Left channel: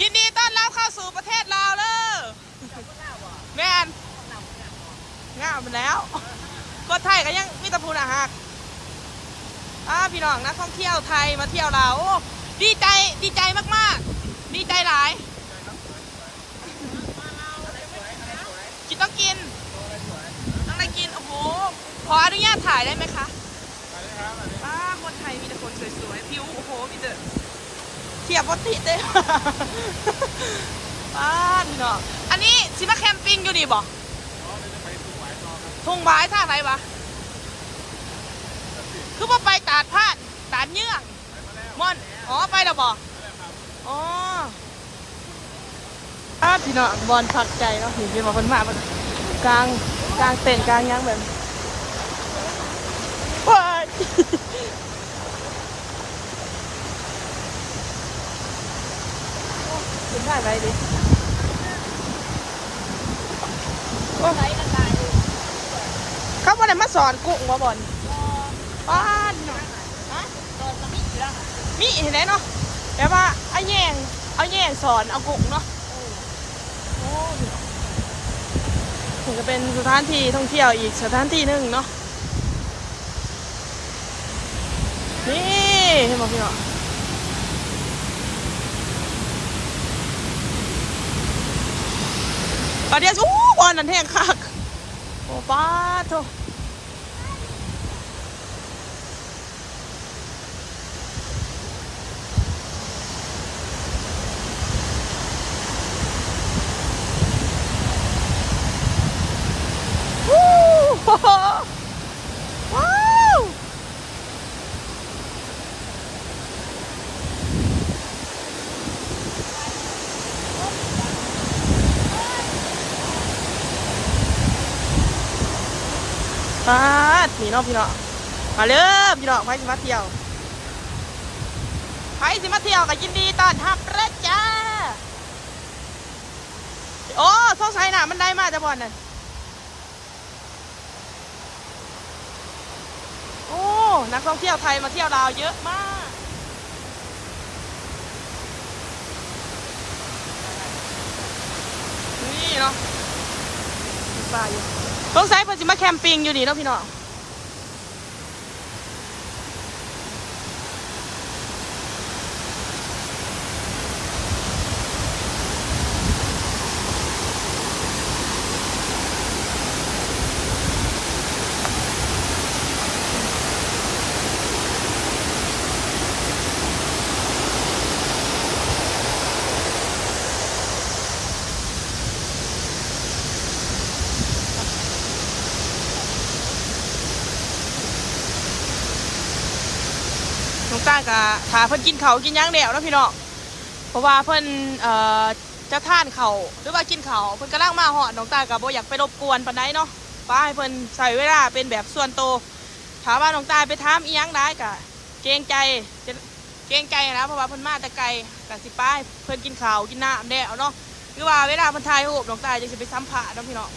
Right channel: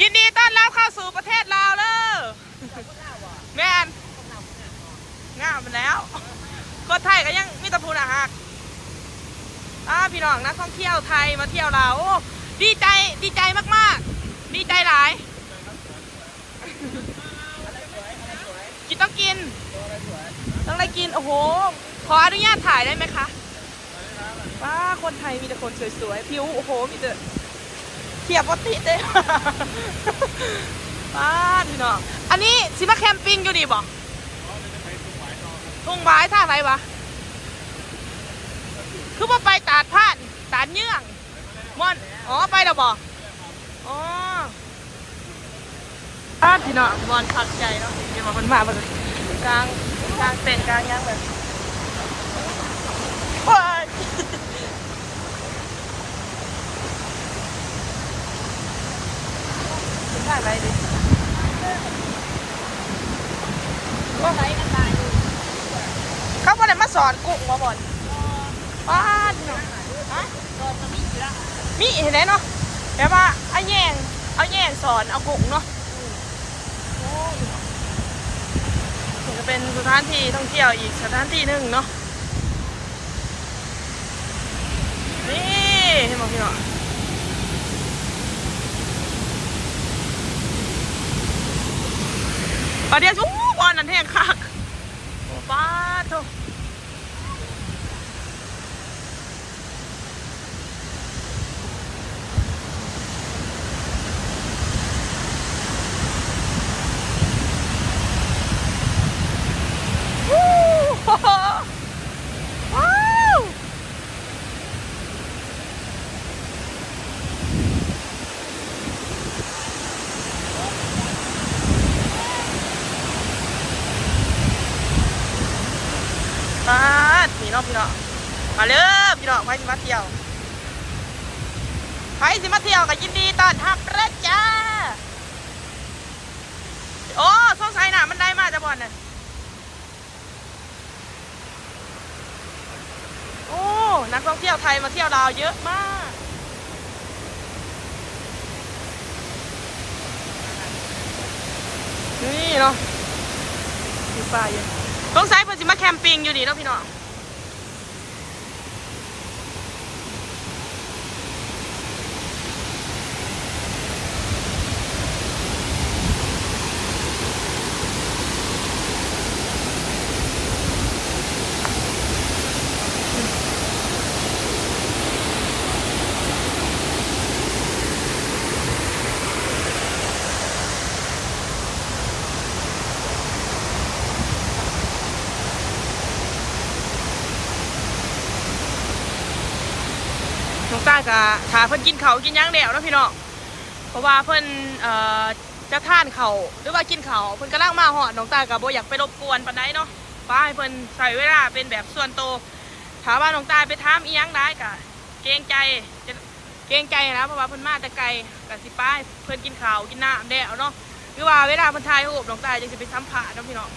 ยินดีต้อนรับเข้าสู่ประเทศลาวเลยแม่นง่ายมันแล้วคนไทยก็ยังมีตะพูนฮะพี่น้องนักท่องเที่ยวไทยมาเที่ยวลาวดีใจมากๆดีใจหลายกินต้องกินต้องได้กินโอ้โหขออนุญาตถ่ายได้ไหมคะว้าคนไทยมีแต่คนสวยๆผิวโอ้โหมีแต่เทียบปกติเลยป้าพี่น้องอันนี้ซิมาแคมปิ้งอยู่นี่บอกทุ่งหวายท่าไรวะคือว่าไปตาดพาดตาดเยื่องม่อนอ๋อไปแล้วบอกอ๋อพี่น้องบอลพักใจเนาะเห็นเป็นคนมาแบบกลางเต็นกลางยังแบบได้ไปดิเขาบอกมาสอนกุ้งมาบ่อนป้าเนาะมีเห็นไหมเนาะเดี๋ยวว่าเอาแย่งสอนเอากุ้งเนาะถึงจะเป็นสถานที่ท่องเที่ยวอีกสถานที่หนึ่งเนาะนี่เห็นไหมพี่เนาะปลาเดียสู้บอลนั่นแทงคักโอ้ป้าโถว้าวพี่น้องมาเลยพี่น้องไปสิมาเที่ยวใครสิมาเที่ยวก็ยินดีต้อนรับเด้อจ้าโอ้สงสัยน่ะมันได้มาแต่บอลนั่นโอ้นักท่องเที่ยวไทยมาเที่ยวลาวเยอะมากนี่เนาะมีป่าอยู่สงสัยเพิ่นสิมาแคมปิ้งอยู่นี่เนาะพี่น้องน้องต้ากับถาเพิ่นกินเขากินย่างเดี่ยวนะพี่น้องเพราะว่าเพิ่นจะทานเขาหรือว่ากินเขาเพิ่นกำลังมาหอดน้องต้ากับโบอยากไปรบกวนปานใดเนาะป้าให้เพิ่นใส่เวลาเป็นแบบส่วนโตถามว่าน้องต้าไปถามอีหยังได้กะเกรงใจนะเพราะว่าเพิ่นมาแต่ไกลแต่สิป้าเพิ่นกินเขากินน้ำเดี่ยวเนาะหรือว่าเวลาเพิ่นถ่ายรูปน้องต้าจะไปสัมผัสน้องพี่น้อง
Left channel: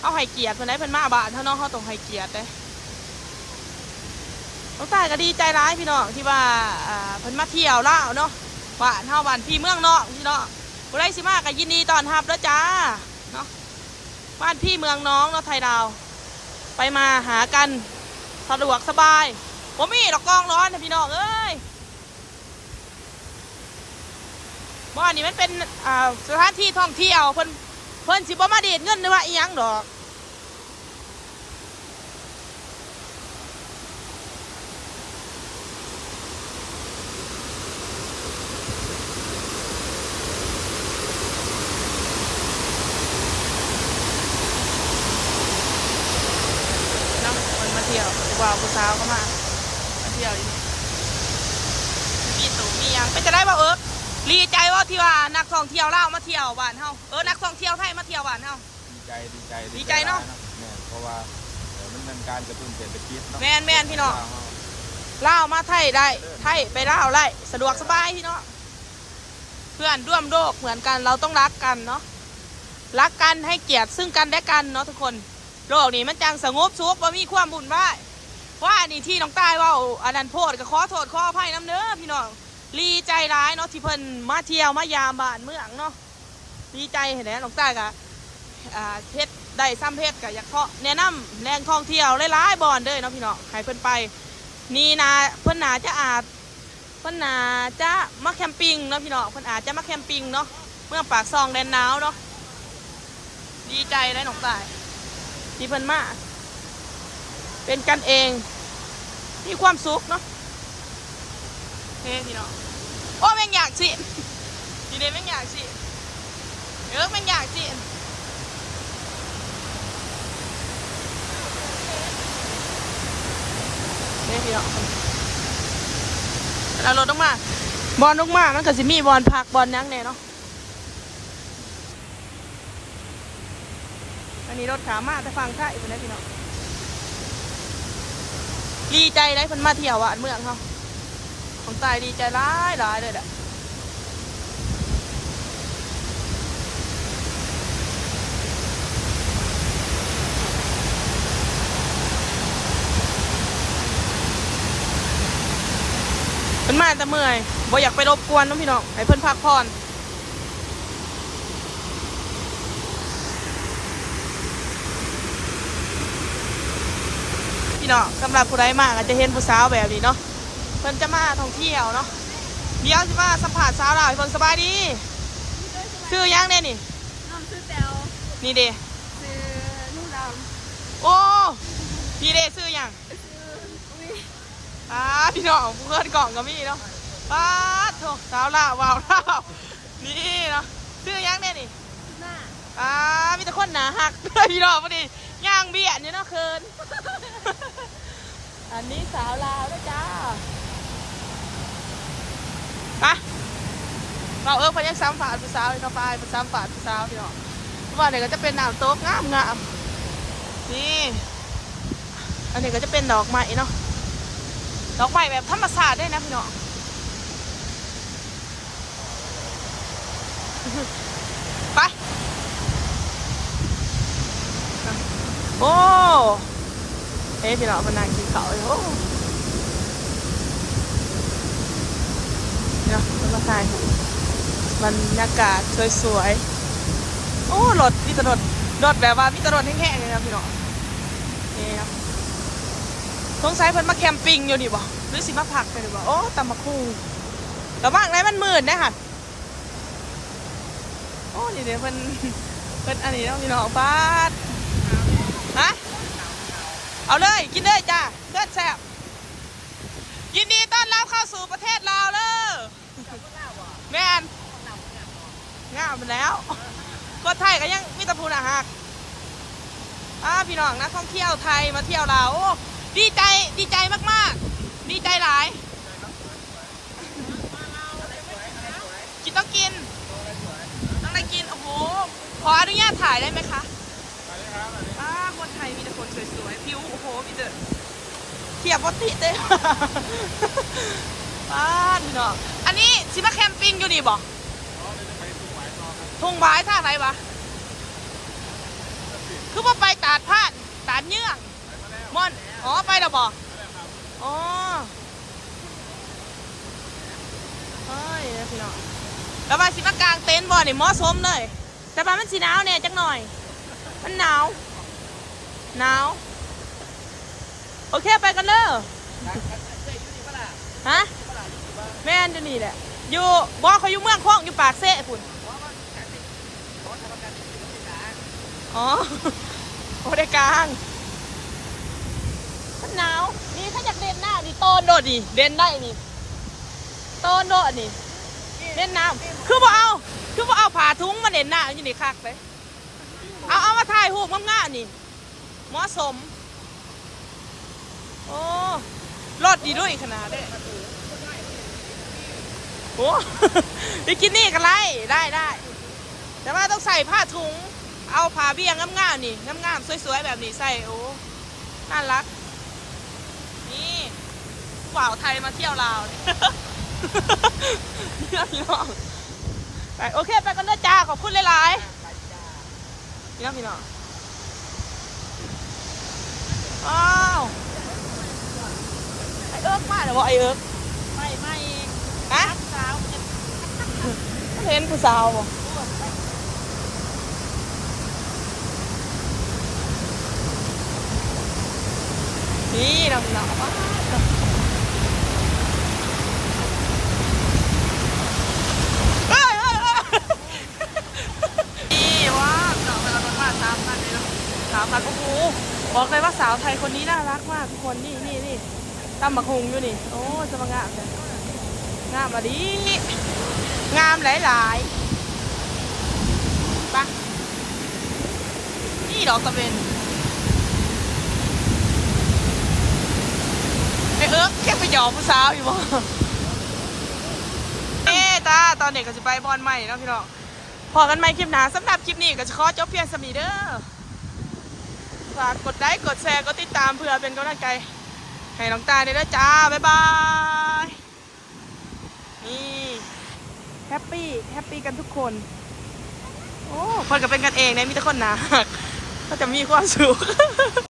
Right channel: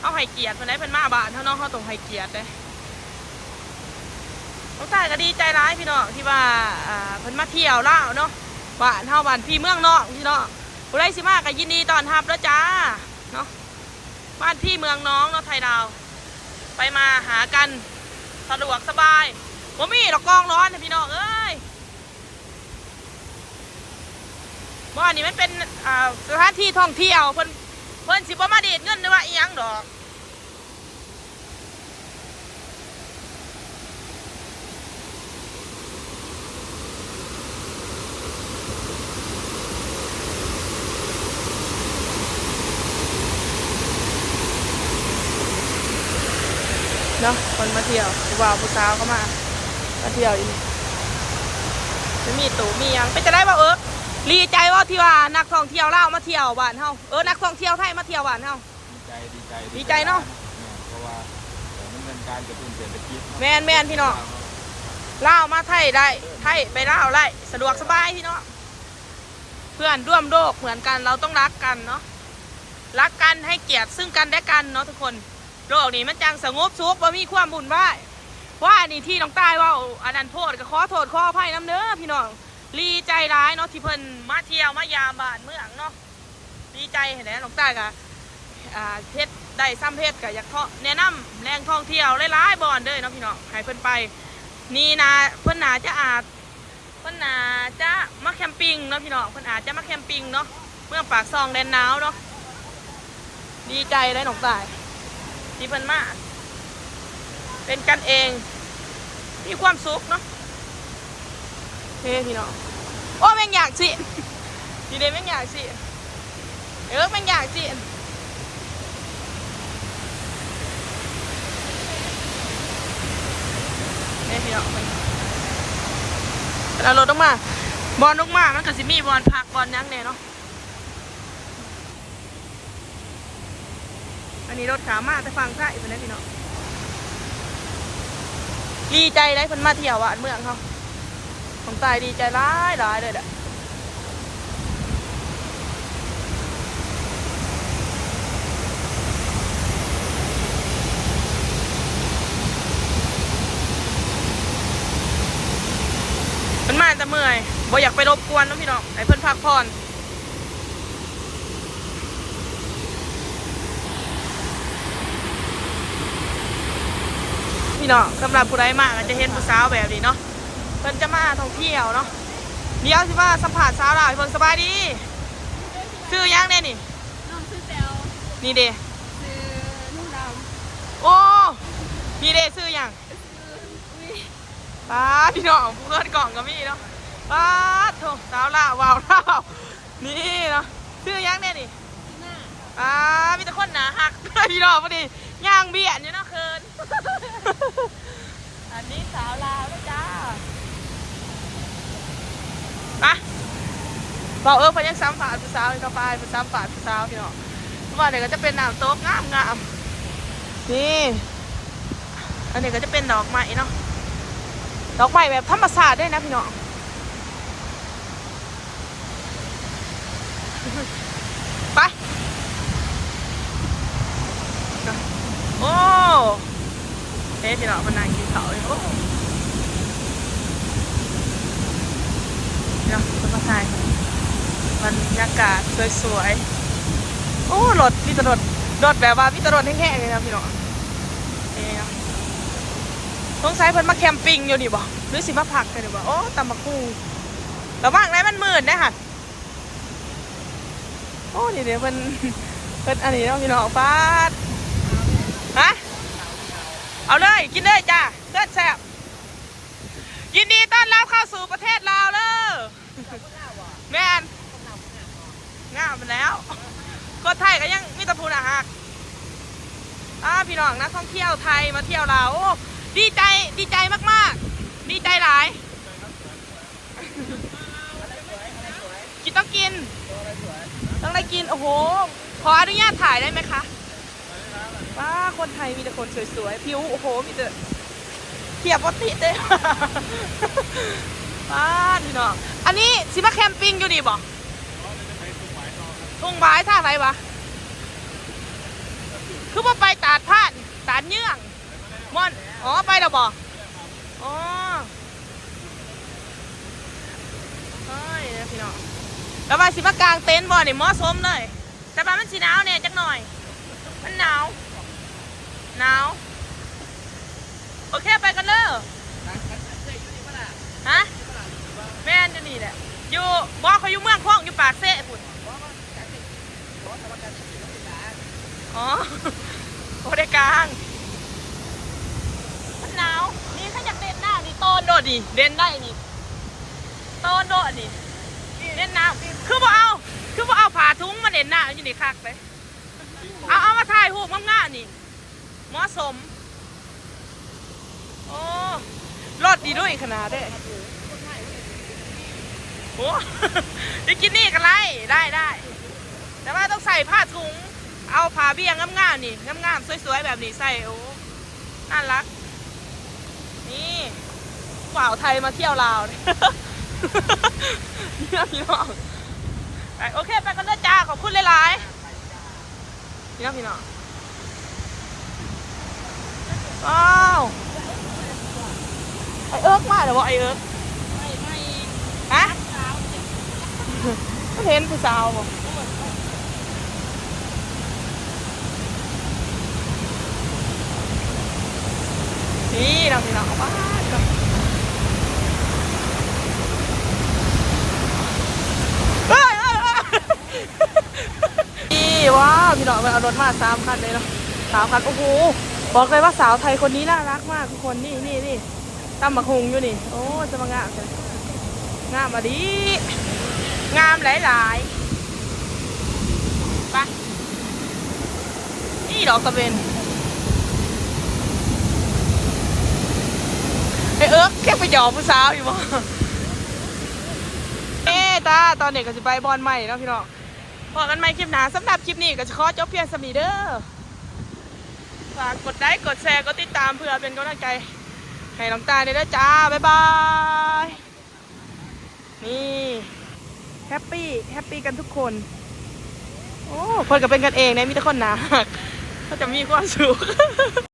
เขาให้เกียรติเพิ่นได้เพิ่นมาบ้านเขาเนาะเขาต้องให้เกียรติเลยน้องตายก็ดีใจร้ายพี่น้องที่ว่าเพิ่นมาเที่ยวลาวเนาะบ้านเฮาบ้านพี่เมืองนอกพี่น้องผู้ใดสิมาก็ยินดีต้อนรับแล้วจ้าเนาะบ้านพี่เมืองน้องเนาะไทยดาวไปมาหากันสะดวกสบายบ่มีดอกกองร้อนนะพี่น้องเอ้ยบ้านนี้มันเป็นสถานที่ท่องเที่ยวเพิ่นสิบ่มาดีดเงินหรือว่าอีหยังดอกเนาะคนมาเที่ยวผู้บ่าวผู้สาวก็มาเที่ยวอีกจะมีตู่มียังเป็นจะได้บ่ดีใจว่าที่ว่านักท่องเที่ยวลาวมาเที่ยวบ้านเฮานักท่องเที่ยวไทยมาเที่ยวบ้านเฮาดีใจเนาะเพราะว่ามันเป็นการกระตุ้นเศรษฐกิจแม่นพี่น้องลาวมาไทยได้ไทยไปลาวได้สะดวกสบายพี่น้องเพื่อนร่วมโลกเหมือนกันเราต้องรักกันเนาะรักกันให้เกียรติซึ่งกันและกันเนาะทุกคน โลกนี้มันจังสงบสุขบ่มีความบุญวายว่านี่ที่น้องตายว่าอันนั้นโพดก็ขอโทษขออภัยน้ำเด้อพี่น้อง ดีใจร้ายเนาะที่เพิ่นมาเที่ยวมายามบ้านเมืองเนาะดีใจเห็นไหมน้องตากะเพชรได้ซ้ำเพชรกะอยากเทาะแนะนำแรงท่องเที่ยวหลายๆบอนเด้อเนาะพี่น้องให้เพิ่นไปนี่นะเพิ่นน่าจะเพิ่นน่าจะมาแคมปิ้งเนาะพี่น้องเพิ่นอาจจะมาแคมปิ้งเนาะเมืองปากซองแดนหนาวเนาะดีใจเลยน้องตายที่เพิ่นมาเป็นกันเองมีความสุขเนาะเฮ้พี่น้องโอ้แม่งอยากสิดีเดแม่งอยากสิแม่งอยากสิเฮ้พี่น้องเราลดลงมาบอลลงมามันก็สิมีบอลพักบอลยังเนี่ยเนาะอันนี้รถขามาแต่ฟังใช่เป็นไงพี่น้องดีใจได้เพิ่นมาเที่ยวอ่ะเมืองเขาของตายดีใจร้ายเลยแหละเพิ่นมาแต่เมื่อยบ่อยากไปรบกวนน้องพี่น้องให้เพิ่นพักผ่อนพี่น้องสำหรับผู้ใดมากอาจจะเห็นผู้สาวแบบนี้เนาะเพิ่นจะมาท่องเที่ยวเนาะเดี๋ยวสิว่าสัมผัสสาวลาวเพิ่นสบายดีชื่อยังเนี่ยนี่น้องซื้อแตวนี่เด้ซื้อนุ่งดโอ้นี่เด้ชื่อยังำซื้ออุ้ยพี่น้องผู้เกิดกล่องกับมี่เนาะโถสาวลาววาวลาวนี่เนาะชื่อยังเนี่ยนี่ซื้อหน้ามีแต่คนหนาหักพี่น้องพอดีย่างเบี้ยนี่เนาะเคินอันนี้สาวลาวนะจ้าบอกพยัญชนะฝาดผู้สาวอีกต่อไปผู้สาวฝาดผู้สาวพี่น้องว่าเดี๋ยวก็จะเป็นน้ำโต๊ะงามนี่อันนี้ก็จะเป็นดอกไม้เนาะดอกไม้แบบธรรมชาติด้วยนะพี่น้องไปโอ้พี่น้องมันน่ากินเขาเลยโอ้เนาะต้นมะขามบรรยากาศสวยๆโอ้รถพี่ตรถแบบว่าพี่ตรถแห้งๆเลยนะพี่น้องนี่นะสงสัยเพิ่นมาแคมปิ้งอยู่ดิบ่หรือสิมาพักกันดิบ่โอ้ตำมะคุงแต่ว่างไรมันมืดนะค่ะโอ้นี่เดี๋ยวเพิ่นอันนี้เนาะพี่น้องฟาดฮะเอาเลยกินเลยจ้าเลือดแซ่บยินดีต้อนรับเข้าสู่ประเทศลาวเลยแม่นง่าไปแล้วก็ไทยก็ยังมีตะพูนอ่ะฮะพี่น้องนักท่องเที่ยวไทยมาเที่ยวลาวดีใจมากๆดีใจหลายกินต้องกินต้องได้กินโอ้โหขออนุญาตถ่ายได้ไหมคะคนไทยมีแต่คนสวยๆผิวโอ้โหมีแต่เทียบปกติเลยพี่น้องอันนี้ซิมาแคมปิ้งอยู่นี่บ่ทุ่งหวายท่าไรวะคือว่าไปตาดพาดตาดเยื่องม่อนไปแล้วบ่เฮ้ยพี่น้องแล้วมาสิมากางเต็นท์บ่เนี่ยเหมาะสมเลยแต่ว่ามันสีหนาวเนี่ยจังหน่อยมันหนาวโอเคไปกันเลยฮะแม่นอยู่นี่แหละอยู่บ่เขาอยู่เมืองคลองอยู่ปากเซ่คุณโอ้ได้กลางมันหนาวนี่ถ้าอยากเล่นหน้านี่ต้นโดดดิเล่นได้นี่ต้นโดดนี่เล่นน้ำคือบ่เอาผ่าทุ้งมาเล่นหน้าอยู่นี่คักไปเอามาถ่ายรูปง่ายๆนี่เหมาะสมโอ้รถดีด้วยขนาดได้โอ้ไปกินนี่กันไรได้แต่ว่าต้องใส่ผ้าถุงเอาผ้าเบี้ยงามๆนี่งามๆสวยๆแบบนี้ใส่โอ้น่ารักนี่สาวไทยมาเที่ยวลาวนี่พี่น้องโอเคไปกันเลยจ้าขอบคุณหลายๆพี่น้องอ้าวไอเอิร์กมาเดี๋ยวบอกไอเอิร์กไม่ ฮะก็เห็นผู้สาวบ่นี่เราพี่น้องว้านี่ว้าพี่น้องมันเอารถมา3 คันเลยเนาะ3 คันโอ้โหบอกเลยว่าสาวไทยคนนี้น่ารักมากทุกคนนี่ตำบักฮุงอยู่นี่โอ้จะมางามจังงามมาดิงามหลายๆไปนี่ดอกกระเบนไอแค่ไปหยอกผู้สาวอยู่บ่ตาตอนเด็กก็จะไปบอลใหม่เนาะพี่น้องพอกันใหม่คลิปหน้าสำหรับคลิปนี้ก็จะขอจบเพียงสมีเด้อฝากกดไลค์กดแชร์กดติดตามเพื่อเป็นกำลังใจให้น้องตาด้วยนะจ้าบ๊ายบายนี่แฮปปี้กันทุกคนโอ้เพื่อนก็เป็นกันเองนะมีแต่คนหนาก็จะมีความสุข